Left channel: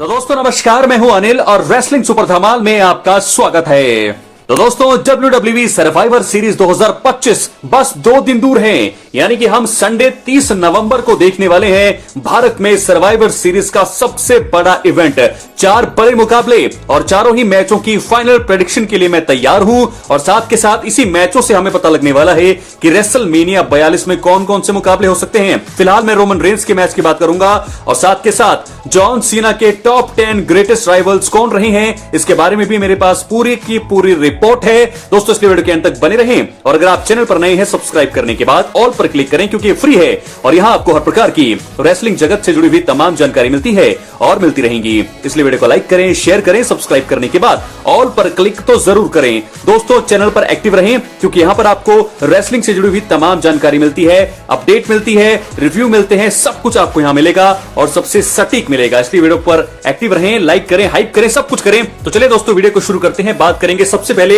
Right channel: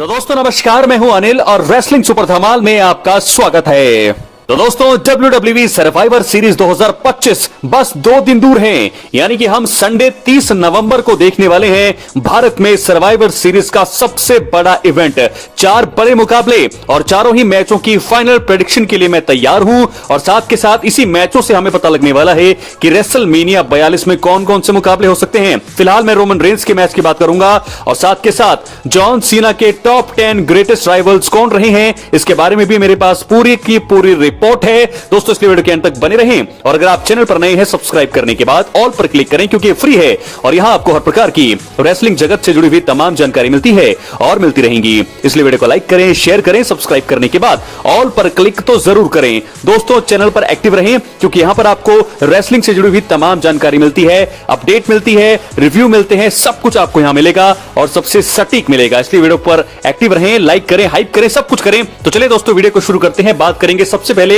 तो दोस्तों नमस्कार, मैं हूं अनिल और रेसलिंग सुपर धमाल में आपका स्वागत है। तो दोस्तों WWE सर्वाइवर सीरीज 2025 बस 2 दिन दूर हैं, यानी कि हम संडे 30 नवंबर को देखने वाले हैं भारत में सर्वाइवर सीरीज का सबसे बड़ा इवेंट। 4 बड़े मुकाबले और चारों ही मैचों की फाइनल प्रेडिक्शन के लिए मैं तैयार हूं और साथ के साथ इसी मैचों से हमें पता लगने वाला है कि रेसलमेनिया 42 में कौन कौन से मुकाबले हो सकते हैं। फिलहाल मैं रोमन रेंस के मैच की बात करूंगा और साथ के साथ जॉन सीना के टॉप 10 ग्रेटेस्ट राइवल्स कौन रहे हैं, इसके बारे में भी मेरे पास पूरी की पूरी रिपोर्ट है। दोस्तों इसलिए वीडियो के अंत तक बने रहें और अगर आप चैनल पर नए हैं सब्सक्राइब करने के बाद ऑल पर क्लिक करें क्योंकि फ्री है और यहां आपको हर प्रकार की रेसलिंग जगत से जुड़ी हुई तमाम जानकारी मिलती है और मिलती रहेंगी। इसलिए वीडियो को लाइक करें, शेयर करें, सब्सक्राइब करने के बाद ऑल पर क्लिक तो जरूर करें। दोस्तों चैनल पर एक्टिव रहें क्योंकि यहां पर आपको रेसलिंग से जुड़ी हुई तमाम जानकारी मिलती है, अपडेट मिलती है, रिव्यू मिलते हैं, सब कुछ आपको यहां मिलेगा और सबसे सटीक मिलेगा। इसलिए वीडियो पर एक्टिव रहें, लाइक करें, हाइप करें, सब कुछ करें। तो चलिए दोस्तों वीडियो को शुरू करते हैं। बात करेंगे सबसे पहले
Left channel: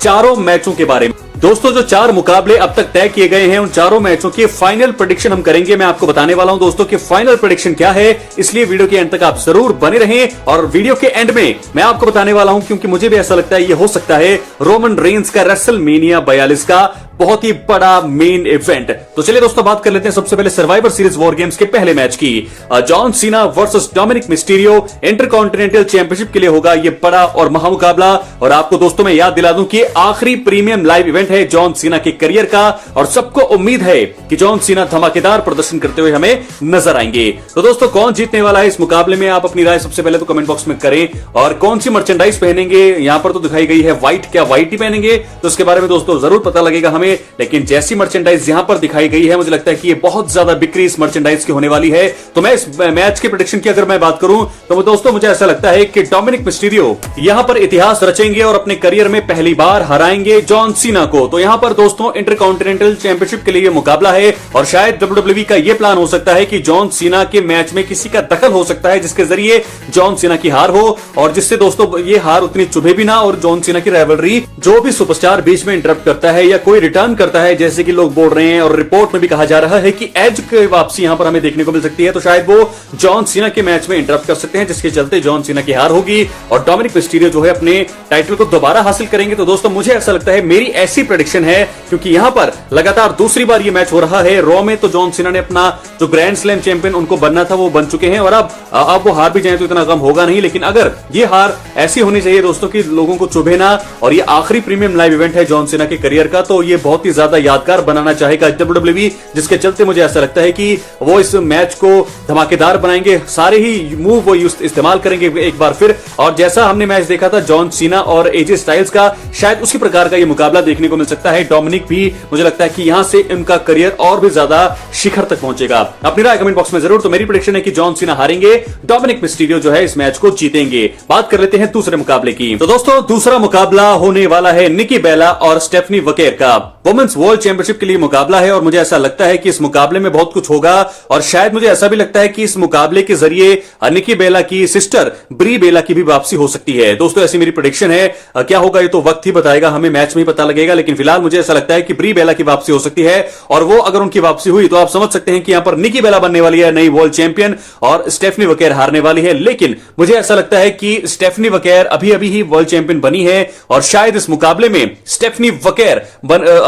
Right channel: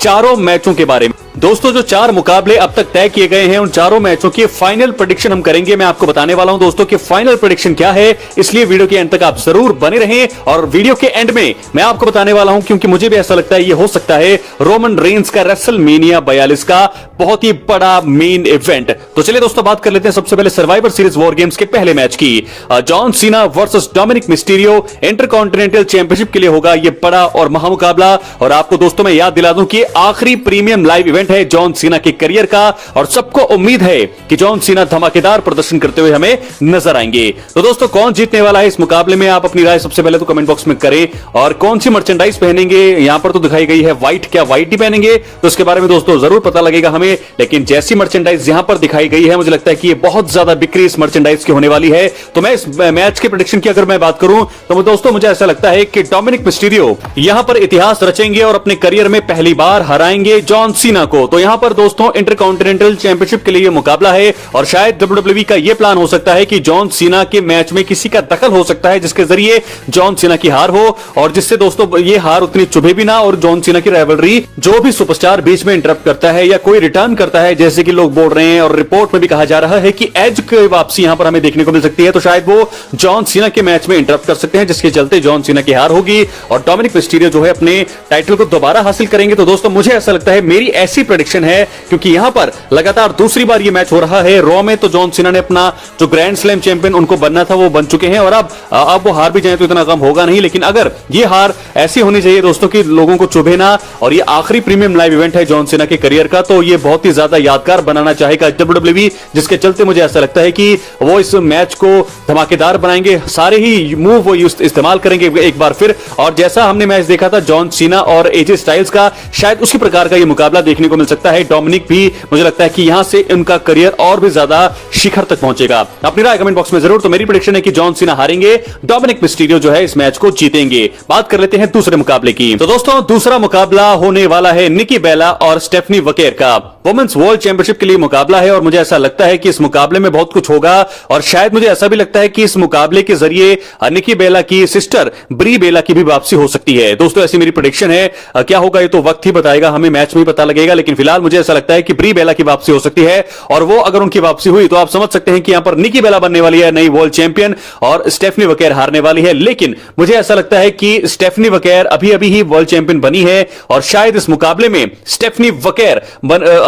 चारों मैचों के बारे में। दोस्तों जो 4 मुकाबले अब तक तय किए गए हैं उन चारों मैचों की फाइनल प्रेडिक्शन हम करेंगे। मैं आपको बताने वाला हूं दोस्तों कि फाइनल प्रेडिक्शन क्या है, इसलिए वीडियो के एंड तक आप जरूर बने रहें। और वीडियो के एंड में मैं आपको बताने वाला हूं क्योंकि मुझे भी ऐसा लगता है ये हो सकता है रोमन रेंस का रेसलमेनिया 42 का बहुत ही बड़ा मेन इवेंट। तो चलिए दोस्तों बात कर लेते हैं सबसे पहले सर्वाइवर सीरीज वॉर गेम्स के पहले मैच की। John Cena versus Dominik Mysterio intercontinental championship के लिए होगा ये बड़ा और महामुकाबला। और आपको दोस्तों मैं याद दिला दूं कि आखिरी प्रीमियम लाइव इवेंट है जॉन सीना के करियर का और सबको उम्मीद है कि जॉन सीना धमाकेदार प्रदर्शन करते हुए हमें नजर आएंगे। तो दोस्तों कौन जीतने वाला है इस मुकाबले में, आप अपनी राय सबसे पहले तो कमेंट बॉक्स में करें। और कौन सी मर्चेंडाइज पहनेंगे, यहां पर तो दिखाई गई है व्हाइट, क्या व्हाइट ही पहनेंगे तो इसके बारे में दोस्तों जरूर पता लगेगा हमें। लेकिन जैसी मर्चेंडाइज यहां पर दिखाई गई है मुझे लगता है कि ये बहुत ज्यादा बिक्री इस मर्चेंडाइज की होने वाली है। तो मैं इस मैच के प्रेडिक्शन की अगर मैं बात करूं तो दोस्तों मुझे ऐसा लगता है कि डोमिनिक मिस्टीरियो यहां पर इतिहास रचेंगे और अपने करियर में पहली बार हराएंगे जॉन सीना को। तो यहां पर दोस्तों इंटरकॉन्टिनेंटल चैंपियनशिप के लिए मुकाबला है और शायद WWE का यह प्लान हो सकता है कि जॉन सीना के मैच में किसी का दखल हो सकता है जिसके जरिए जॉन सीना की हार हो और जिससे दोस्तों ये हार उतनी चुभे भी ना और जॉन सीना की राइवलरी जो भी सुपरस्टार बीच में इंटरप्ट करता है या कोई रिटर्न करता है, जैसे कि लोग बोल रहे हैं और रिपोर्ट में भी कहा जा रहा है कि एज की वापसी यहां पर हमें देखने को मिल सकती है, तो शायद वो जॉन सीना के मैच में इंटरप्ट कर सकते हैं जिसके चलते जॉन सीना की हार होगी और डोमिनिक मिस्टीरियो जो है अपने टाइटल को दोबारा हासिल करेंगे। तो दोस्तों मुझे ऐसा लगता है, मेरी ऐसी प्रेडिक्शन है क्योंकि यहां पर लगातार दूसरी बार ये मैच हो रहा है। रॉ में तो जॉन सीना ने अपना जो ग्रैंड स्लैम चैंपियन उनको बनना था वो बन चुके हैं और अब वो हार भी जाए तो इतना कम होगा नहीं। लेकिन अगर ये हार ऐसी होनी चाहिए दोस्तों कि लोगों को चुभे ना और ये आखिरी प्रीमियम लाइव इवेंट है जॉन सीना के करियर का, तो ये बहुत ही ज्यादा यादगार बनाना चाहेगा WWE, जिसके चलते मुझे ऐसा लगता है कि वो इस मैच को धमाकेदार बनाएंगे, सारे ही मूव वो इस्तेमाल करेंगे एक बार फिर। और जैसा हमने मैच देखा था जॉन सीना और एजे स्टाइल्स का, शायद उसी प्रकार का ये मुकाबला देखने को मिल सकता है। डोमिनिक भी मुझे लगता है कि यहां से उनका करियर और भी ज्यादा शिखर तक पहुंचेगा। अपनी राय कमेंट बॉक्स में जरूर। तो मेरी प्रेडिक्शन है कि जॉन सीना हारेंगे, डोमिनिक मिस्टीरियो जो है इस मैच को जीतेंगे। बात कर लेते हैं दूसरे मुकाबले की। तो दोस्तों दूसरा मुकाबला होने वाला है निकी बेला और स्टेफनी वकेर का वुमेन्स वर्ल्ड चैंपियनशिप के लिए मुकाबला है और मुझे ऐसा लगता है कि इस मुकाबले में बहुत कुछ होगा और शायद मुझे ऐसा भी लगता है कि इस मुकाबले के जरिए निकी बेला की सिस्टर ब्री बेला की भी वापसी हो सकती है। दोस्तों ऐसी मेरी प्रेडिक्शन है, क्या होगा ये तो वक्त ही बताएगा, हमें मैच में ही पता लगेगा। लेकिन फिलहाल मुझे ऐसा लगता है कि ब्री बेला की वापसी हो सकती है और वो अगर उनकी वापसी हुई तो आप समझ सकते हैं कि यहां पर निकी बेला बनने वाली है नई वर्ल्ड चैंपियन और स्टेफनी वकेर हारने वाली है। लेकिन मुझे ऐसा लगता है कि स्टेफनी वकेर अभी अभी ही वर्ल्ड चैंपियन बनी है और शायद इस मुकाबले में स्टेफनी वकेर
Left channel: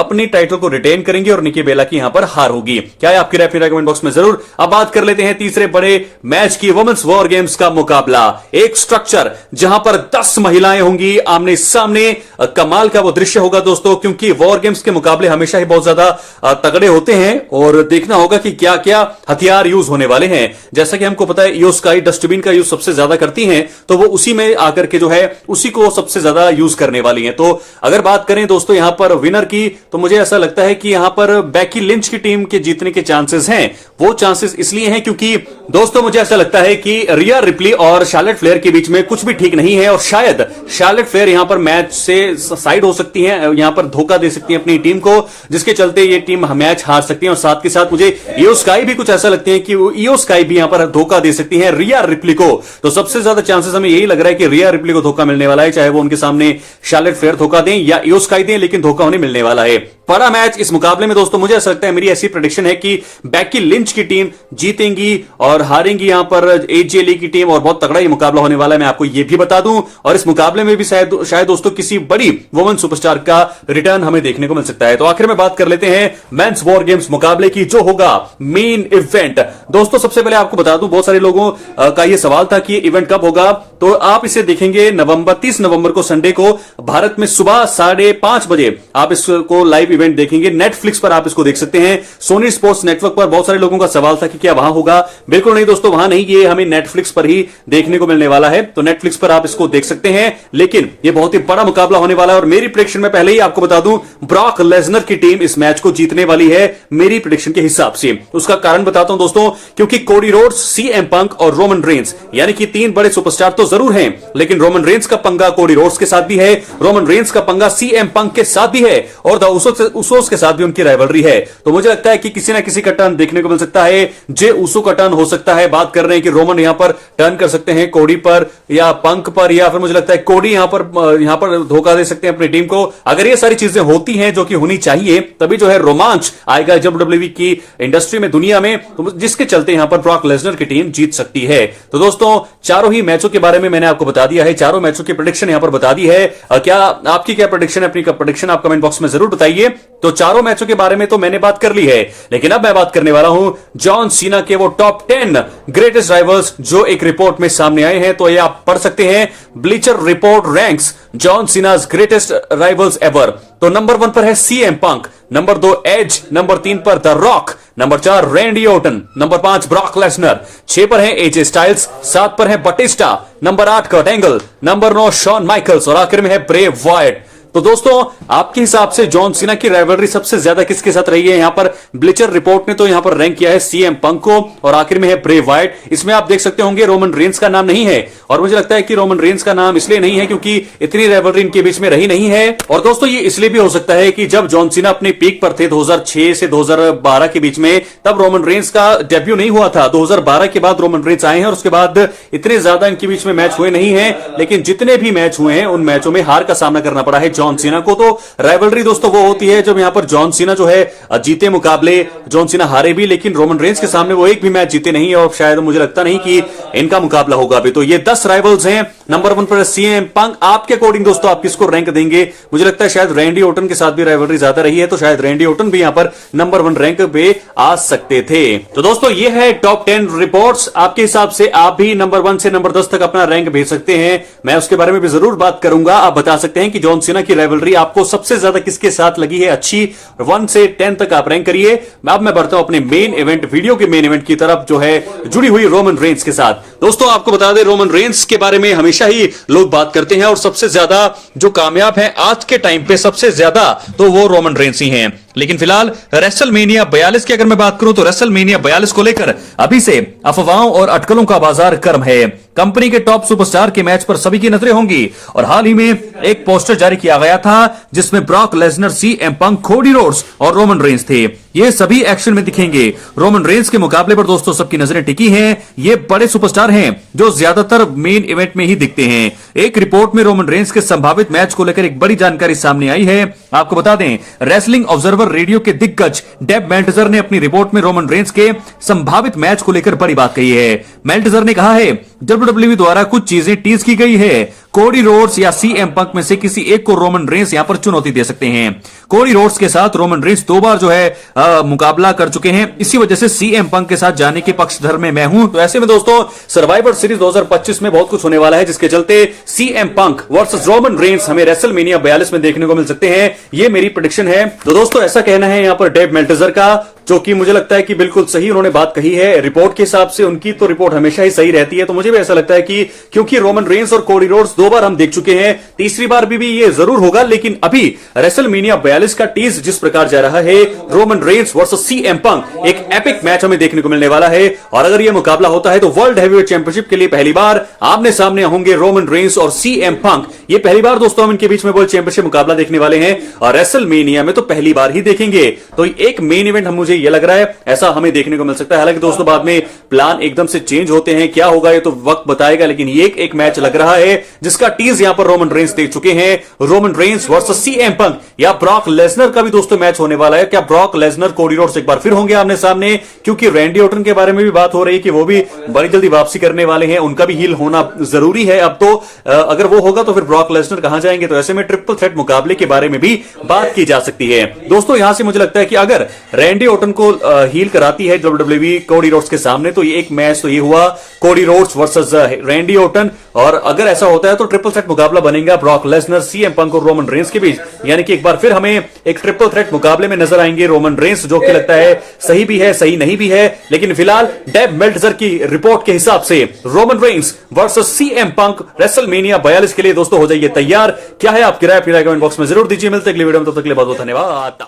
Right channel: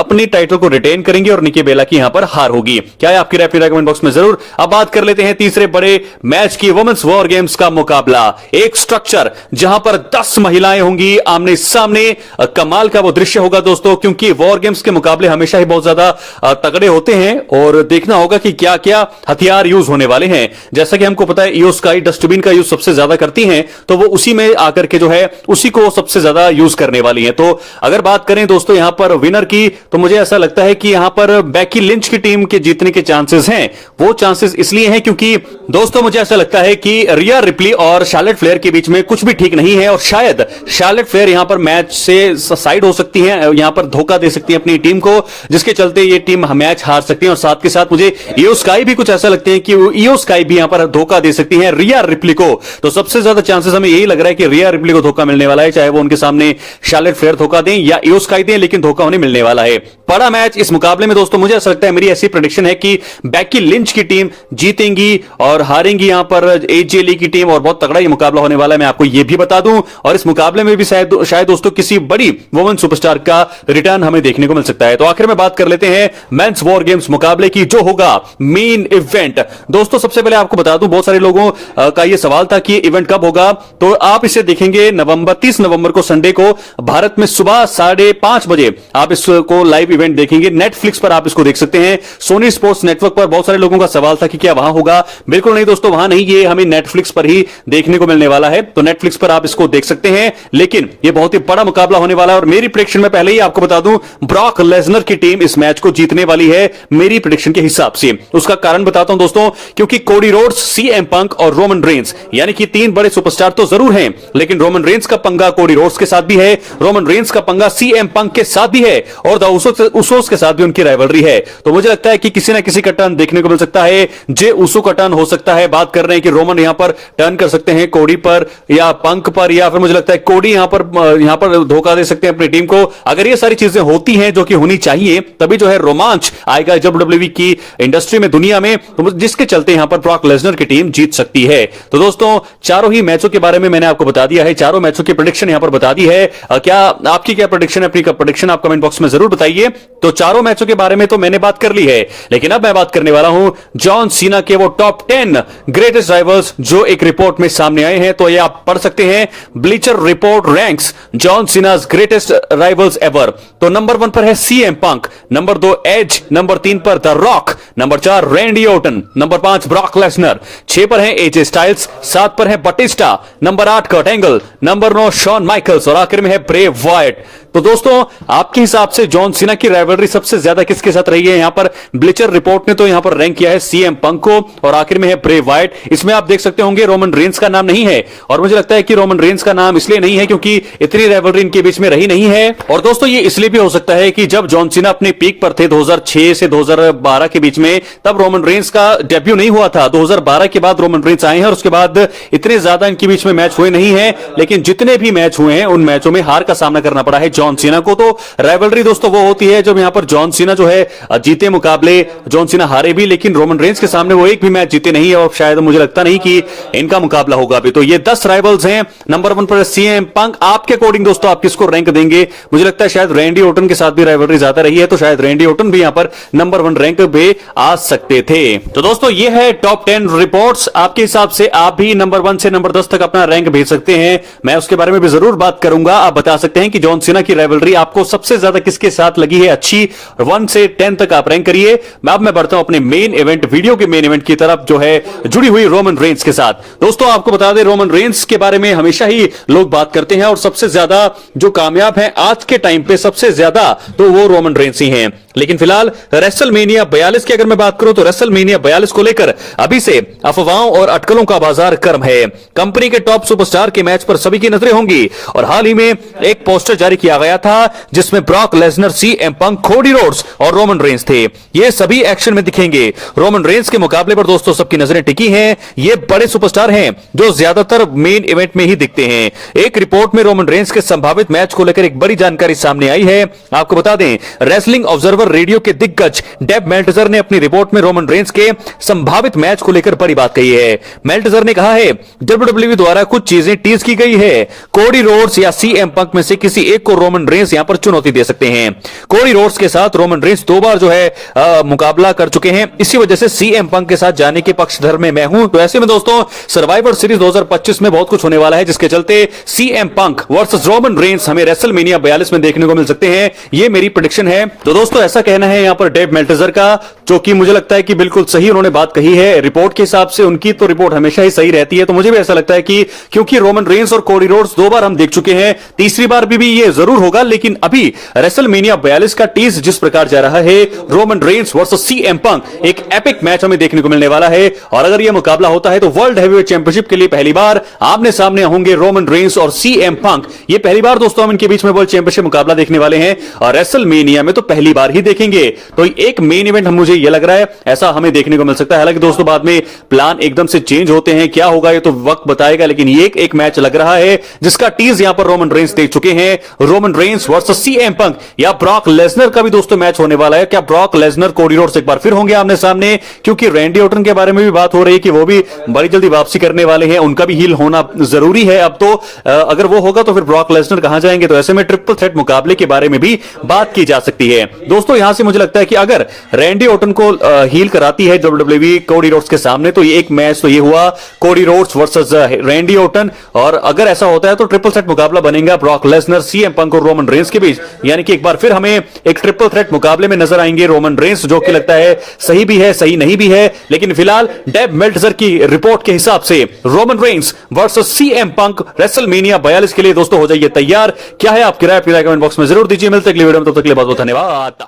अपनी टाइटल को रिटेन करेंगे और निकी बेला की यहां पर हार होगी। क्या है आपकी राय कमेंट बॉक्स में जरूर। अब बात कर लेते हैं तीसरे बड़े मैच की, वुमेन्स वॉर गेम्स का मुकाबला। एक स्ट्रक्चर जहां पर 10 महिलाएं होंगी आमने सामने, कमाल का वो दृश्य होगा दोस्तों, क्योंकि वॉर गेम्स के मुकाबले हमेशा ही बहुत ज्यादा तगड़े होते हैं और देखना होगा कि क्या क्या हथियार यूज होने वाले हैं। जैसा कि हमको पता है ईओ स्काई डस्टबिन का यूज सबसे ज्यादा करती हैं, तो वो उसी में आकर के जो है उसी को सबसे ज्यादा यूज करने वाली हैं। तो अगर बात करें दोस्तों यहां पर विनर की, तो मुझे ऐसा लगता है कि यहां पर बेकी लिंच की टीम के जीतने के चांसेस हैं। वो चांसेस इसलिए हैं क्योंकि दोस्तों मुझे ऐसा लगता है कि रिया रिप्ली और शार्लेट फ्लेयर के बीच में कुछ भी ठीक नहीं है और शायद शार्लेट फ्लेयर यहां पर मैच से साइड हो सकती हैं, यहां पर धोखा दे सकती हैं अपनी टीम को, जिसके चलते ये टीम मैच हार सकती है। और साथ के साथ मुझे इयो स्काई भी कुछ ऐसा लगते हैं कि इयो स्काई भी यहां पर धोखा दे सकती है रिया रिप्ली को। तो सबसे ज्यादा चांसेस हमें यही लग रहा है कि रिया रिप्ली को धोखा मिलने वाला है, चाहे वो उनके सामने शार्लेट फेयर धोखा दें या इयो स्काई दें, लेकिन धोखा उन्हें मिलने वाला है। बड़ा मैच इस मुकाबले में दोस्तों मुझे ऐसा लगता है, मेरी ऐसी प्रेडिक्शन है कि बैकी लिंच की टीम जीतेंगी और हारेंगी यहां पर एजे ली की टीम, और बहुत तगड़ा ये मुकाबला होने वाला है, मैं आपको ये भी बता दूं। और इस मुकाबले में भी शायद दोस्तों किसी बड़ी वुमेन सुपरस्टार का रिटर्न हमें देखने को मिल सकता है। तो आखिर में बात कर लेते हैं मेंस वॉर गेम्स मुकाबले की, जो होगा मेन इवेंट। दोस्तों सबसे पहले आपको बता दूं, बहुत सारे लोगों का यह सवाल था कि इवेंट कब होगा, तो आप इसे देखेंगे 30 नवंबर को संडे को भारत में सुबह 5:30 बजे आप इसको लाइव इवेंट देखेंगे। नेटफ्लिक्स पर आप इसको देख सकते हैं, सोनी स्पोर्ट्स नेटवर्क पर। बहुत सारे लोगों का सवाल था कि क्या वहां होगा, बिल्कुल नहीं दोस्तों, वहां नहीं, ये हमें नेटफ्लिक्स पर ही देखने को मिलने वाला है। तो नेटफ्लिक्स पर आप इसको देख सकते हैं, लेकिन ये बहुत ही बड़ा मुकाबला होने वाला है। और मेरी प्रेडिक्शन में पहले ही आपको बता दूं, ब्रॉक लेसनर की टीम इस मैच को जीतने वाली है मेरी प्रेडिक्शन के हिसाब से। उसका कारण बताता हूं दोस्तों, क्योंकि कोडी रोड्स, सीएम पंक और रोमन रेंस, यानी कि 3 बड़े सुपरस्टार तो जरूर हैं, लेकिन रोमन रेंस का पंगा कोडी रोड्स के साथ भी है, रोमन रेंस का पंगा सीएम पंक के साथ भी है, और द उसोस के साथ भी उनकी राइवलरी है। तो मुझे लगता है कि किसी ना किसी का टर्न देखने को मिल सकता है, जे उसो का टर्न हो सकता है। बात कर रहे हैं कि रोमन यहां पर टर्न कर सकते हैं कोडी पर या पंक पर, या फिर मुझे लगता है कोडी यहां पर धोखा दे सकते हैं अपनी टीम को। अगर ये सारी चीजें होती हैं जो कि होनी चाहिए, तभी जो है रोमांच आएगा डब्ल्यूडब्ल्यूई की इंडस्ट्री में, दुनिया में, तो जिसके चलते यहां पर ब्रॉक लेसनर की टीम जीत सकती है। तो दोस्तों चारों ही मैचों के बारे में मैंने आपको बता दिया है, चारों मैचों की प्रेडिक्शन यहां पर बता दी है। क्या आपकी क्या प्रेडिक्शन है, अपनी प्रेडिक्शन आप कमेंट बॉक्स में जरूर बताइए। तो चारों मैचों के बारे में तो मैंने बात कर ली है, लेकिन अब मैं बात करने वाला हूं जॉन सीना के वो टॉप 10 ग्रेटेस्ट राइवल्स जो एक रिपोर्ट में सामने आए हैं। तो ये आप पढ़ सकते हैं, Bleacher Report ranks John Cena's greatest rivals ever. तो नंबर 1 पर है CM Punk, number 2 Edge, number 3 पर the Rock, number 4 Randy Orton, number 5 Brock Lesnar, 6 पर है एजे स्टाइल्स, 7 पर है Batista, number 8 Kurt Angle, number 9 Shawn Michaels, और आखिर में है ब्रे वायट। तो दोस्तों आपके हिसाब से जॉन सीना की राइवलरी सबसे ज्यादा किसके साथ रही है? यहां पर ब्लिचर रिपोर्ट ने तो यहां पर रैंक किया है सीएम पंक को, और आखिर में है ब्रे वाइट। इसमें आप देख सकते होंगे रोमन रेंस का नाम नहीं है, और मुझे लगता है कि रोमन रेंस का नाम इसलिए नहीं है क्योंकि इतनी राइवलरी इनके बीच में रही नहीं है। और दोस्तों ये इसलिए भी हो सकता है कि जब जॉन सीना अपने पीक पर थे 2006 से 2012 के बीच में, तब रोमन रेंस का डेब्यू नहीं हुआ था। 2012 के बाद रोमन रेंस आए हैं, और उसके बाद इतने ज्यादा इनके बीच में मैच हुए नहीं है, लेकिन जितने भी मैच हुए हैं उन मैचों में हार का सामना करना पड़ा है जॉन सीना को। तो राइवलरी दोस्तों वो होती है जब यहां पर जॉन सीना जो है जीते मुकाबले, जॉन सीना हारे भी, लेकिन रोमन रेंस के सामने वो एक भी मैच जीते नहीं है, और शायद मुझे लगता नहीं कि इनका मुकाबला होगा अभी। तो ये 10 राइवल्स हैं। नंबर 1 पर सीएम पंक। आपके अकॉर्डिंग दोस्तों आप किसको रैंक देंगे? मुझे लगता है शायद रैंडी ऑर्टन के साथ भी राइवलरी ज्यादा रही है, तो शायद रैंडी ऑर्टन भी यहां पर नंबर 1 रैंक पे आ सकते थे। तो दोस्तों ये है टॉप 10 रिपोर्ट्स। आपके हिसाब से आप भी नंबर 1 से नंबर 10 तक अपना रैंक भेज सकते हैं, मैं उसके बारे में भी जरूर बात करूंगा। आप बता सकते हैं कि जॉन सीना की राइवलरी आपको सबसे ज्यादा किसके साथ लगी है अच्छी, 1 से 10 तक आप रैंक करिए। अब मैं बढ़ता हूं अपने मेन इवेंट, वीडियो के मेन इवेंट की तरफ, जो है जुड़ी हुई रोमन रेंस के साथ। दोस्तों आपको बता दें, रोमन रेंस के बारे में हमेशा ही लोग बात करते हैं, और सबसे ज्यादा जो कामयाब है आज के टाइम पे सबसे ज्यादा तो वो रोमन रेंस ही हैं। लेकिन फिलहाल रेसलमेनिया 42 की अगर मैं बात करूं तो रेसलमेनिया 42 को लेकर अभी से अफवाहों और अटकलों का बाजार गर्म है। कंपनी के टॉप सुपरस्टार के मैच पर सभी की नजरें होंगी, और हाल ही में एक पोस्टर जारी किया गया था जिसमें Brock Lesnar, CM Punk, Cody Rhodes और रोमन रेंस थे। ये सभी एक्शन में दिखेंगे। रोमन रेंस के मुकाबले पर दोस्तों सबकी नजरें टिकी हैं। ये बड़े सुपरस्टार हैं जो ज्यादातर मेन इवेंट में ही दिखते हैं। एक रिपोर्ट में रोमन रेंस के संभावित मैच को लेकर एक बड़ी जानकारी सामने आई है। आपको बता दें, रेसलिंग ऑब्जर्वर रेडियो के दिग्गज डेब मेल्टजर ने अपनी रिपोर्ट में रोमन रेंस के संभावित मैच को लेकर बड़ी बात कही है। मेल्टजर ने कहा है, डब्ल्यूडब्ल्यूई द्वारा कुछ चीजें टीज की गई है। कोडी रोड्स या सीएम पंक में से किसी एक को रोमन रेंस यहां पर चुनौती दे सकते हैं। कोडी रोड्स के साथ रोमन रेंस 2 बार जो है मुकाबला कर चुके हैं, इसी वजह से सीएम पंक के साथ जाने के पक्षधर में मैं हूं। तो ऐसे में दोस्तों सर्वाइवर सीरीज 2025 में बहुत कुछ होने वाला है, जिसके चलते CM Punk versus Roman Reigns हमें रेसलमेनिया 42 में देखने को मिल सकते हैं। ये मेरी प्रेडिक्शन है। तो दोस्तों ऐसा कहना है यहां पर डेव मेल्टजर का, जो कि मुझे लगता है कि बिल्कुल सही उन्होंने बात कही है। रिपोर्ट के हिसाब से उनकी तो रिपोर्ट हमेशा ही सही रहती है, तो मुझे भी ऐसा लगता है कि क्योंकि रोमन रेंस और कोडी रोड्स 2 बार हम देख चुके हैं, तीसरी बार भी ये जरूर होगा। लेकिन अभी रेसलमेनिया 42 का टीज जिस प्रकार जा रहा है, Roman Reigns versus CM Punk, एक एपिक मैच हमें देखने को मिलने वाला है। और अगर यह मुकाबला होता है तो वर्ल्ड हैवीवेट चैंपियनशिप के लिए पहली बार आमने सामने होंगे रोमन रेंस और सीएम पंक। ये पहली बार दोस्तों हम इनके बीच में वर्ल्ड चैंपियनशिप मुकाबला देखने वाले हैं, और रेसलमेनिया में तो पहली बार ही देखेंगे। तो एक मेन इवेंट हम, मुझे यह लग रहा है ऐसा हमें देखने को मिल सकता है। हालांकि दोस्तों बाद में प्लान एकदम से चेंज होते हैं, क्या होगा ये तो वक्त बताएगा। लेकिन ये एक मैच लग रहा है जिसका टीज यहां पर रोमन रेंस दे चुके हैं, Roman Reigns versus CM Punk, या ब्रॉक लेसनर का भी दोस्तों मैच होने वाला है। क्या ब्रॉक लेसनर कोडी रोड्स एक बार फिर होंगे आमने सामने? क्योंकि रैंडी ऑर्टन के बारे में भी बात हो रही है कि वो भी बड़ी जल्दी वापसी करने वाले हैं, उनका भी हील होना जरूरी है अब तो। अगर वो होगा तो फिर ब्रॉक लेसनर कहां जाएंगे? तो ऐसे में ट्रिपल थ्रेट मुकाबले के बारे में भी बात की जा सकती है। दोस्तों यहां से मुझे लगता है कि अगर रैंडी ऑर्टन को हील कराती है डब्ल्यूडब्ल्यूई कोडी रोड्स के सामने, तो ये एक मैच तो ये हुआ Cody Rhodes versus Randy Orton. और अगर ऐसा होता है तो ट्रिपल थ्रेट मुकाबला बनेगा ब्रॉक लेसनर, सीएम पंक और रोमन रेंस के बीच। यानी कि एक बार फिर हमें एक ट्रिपल थ्रेट मुकाबले में नजर आएंगे रोमन रेंस, जो कि लगता है सही भी है सही नहीं भी है। लेकिन फिलहाल डेव मेल्टजर की रिपोर्ट के हिसाब से Roman Reigns versus CM Punk WrestleMania 42 के लिए दोस्तों हो जाइए तैयार। क्या है आपकी राय? कमेंट बॉक्स में जरूर दीजिए। मिलते अगली वीडियो में, तब तक के लिए बहुत बहुत धन्यवाद।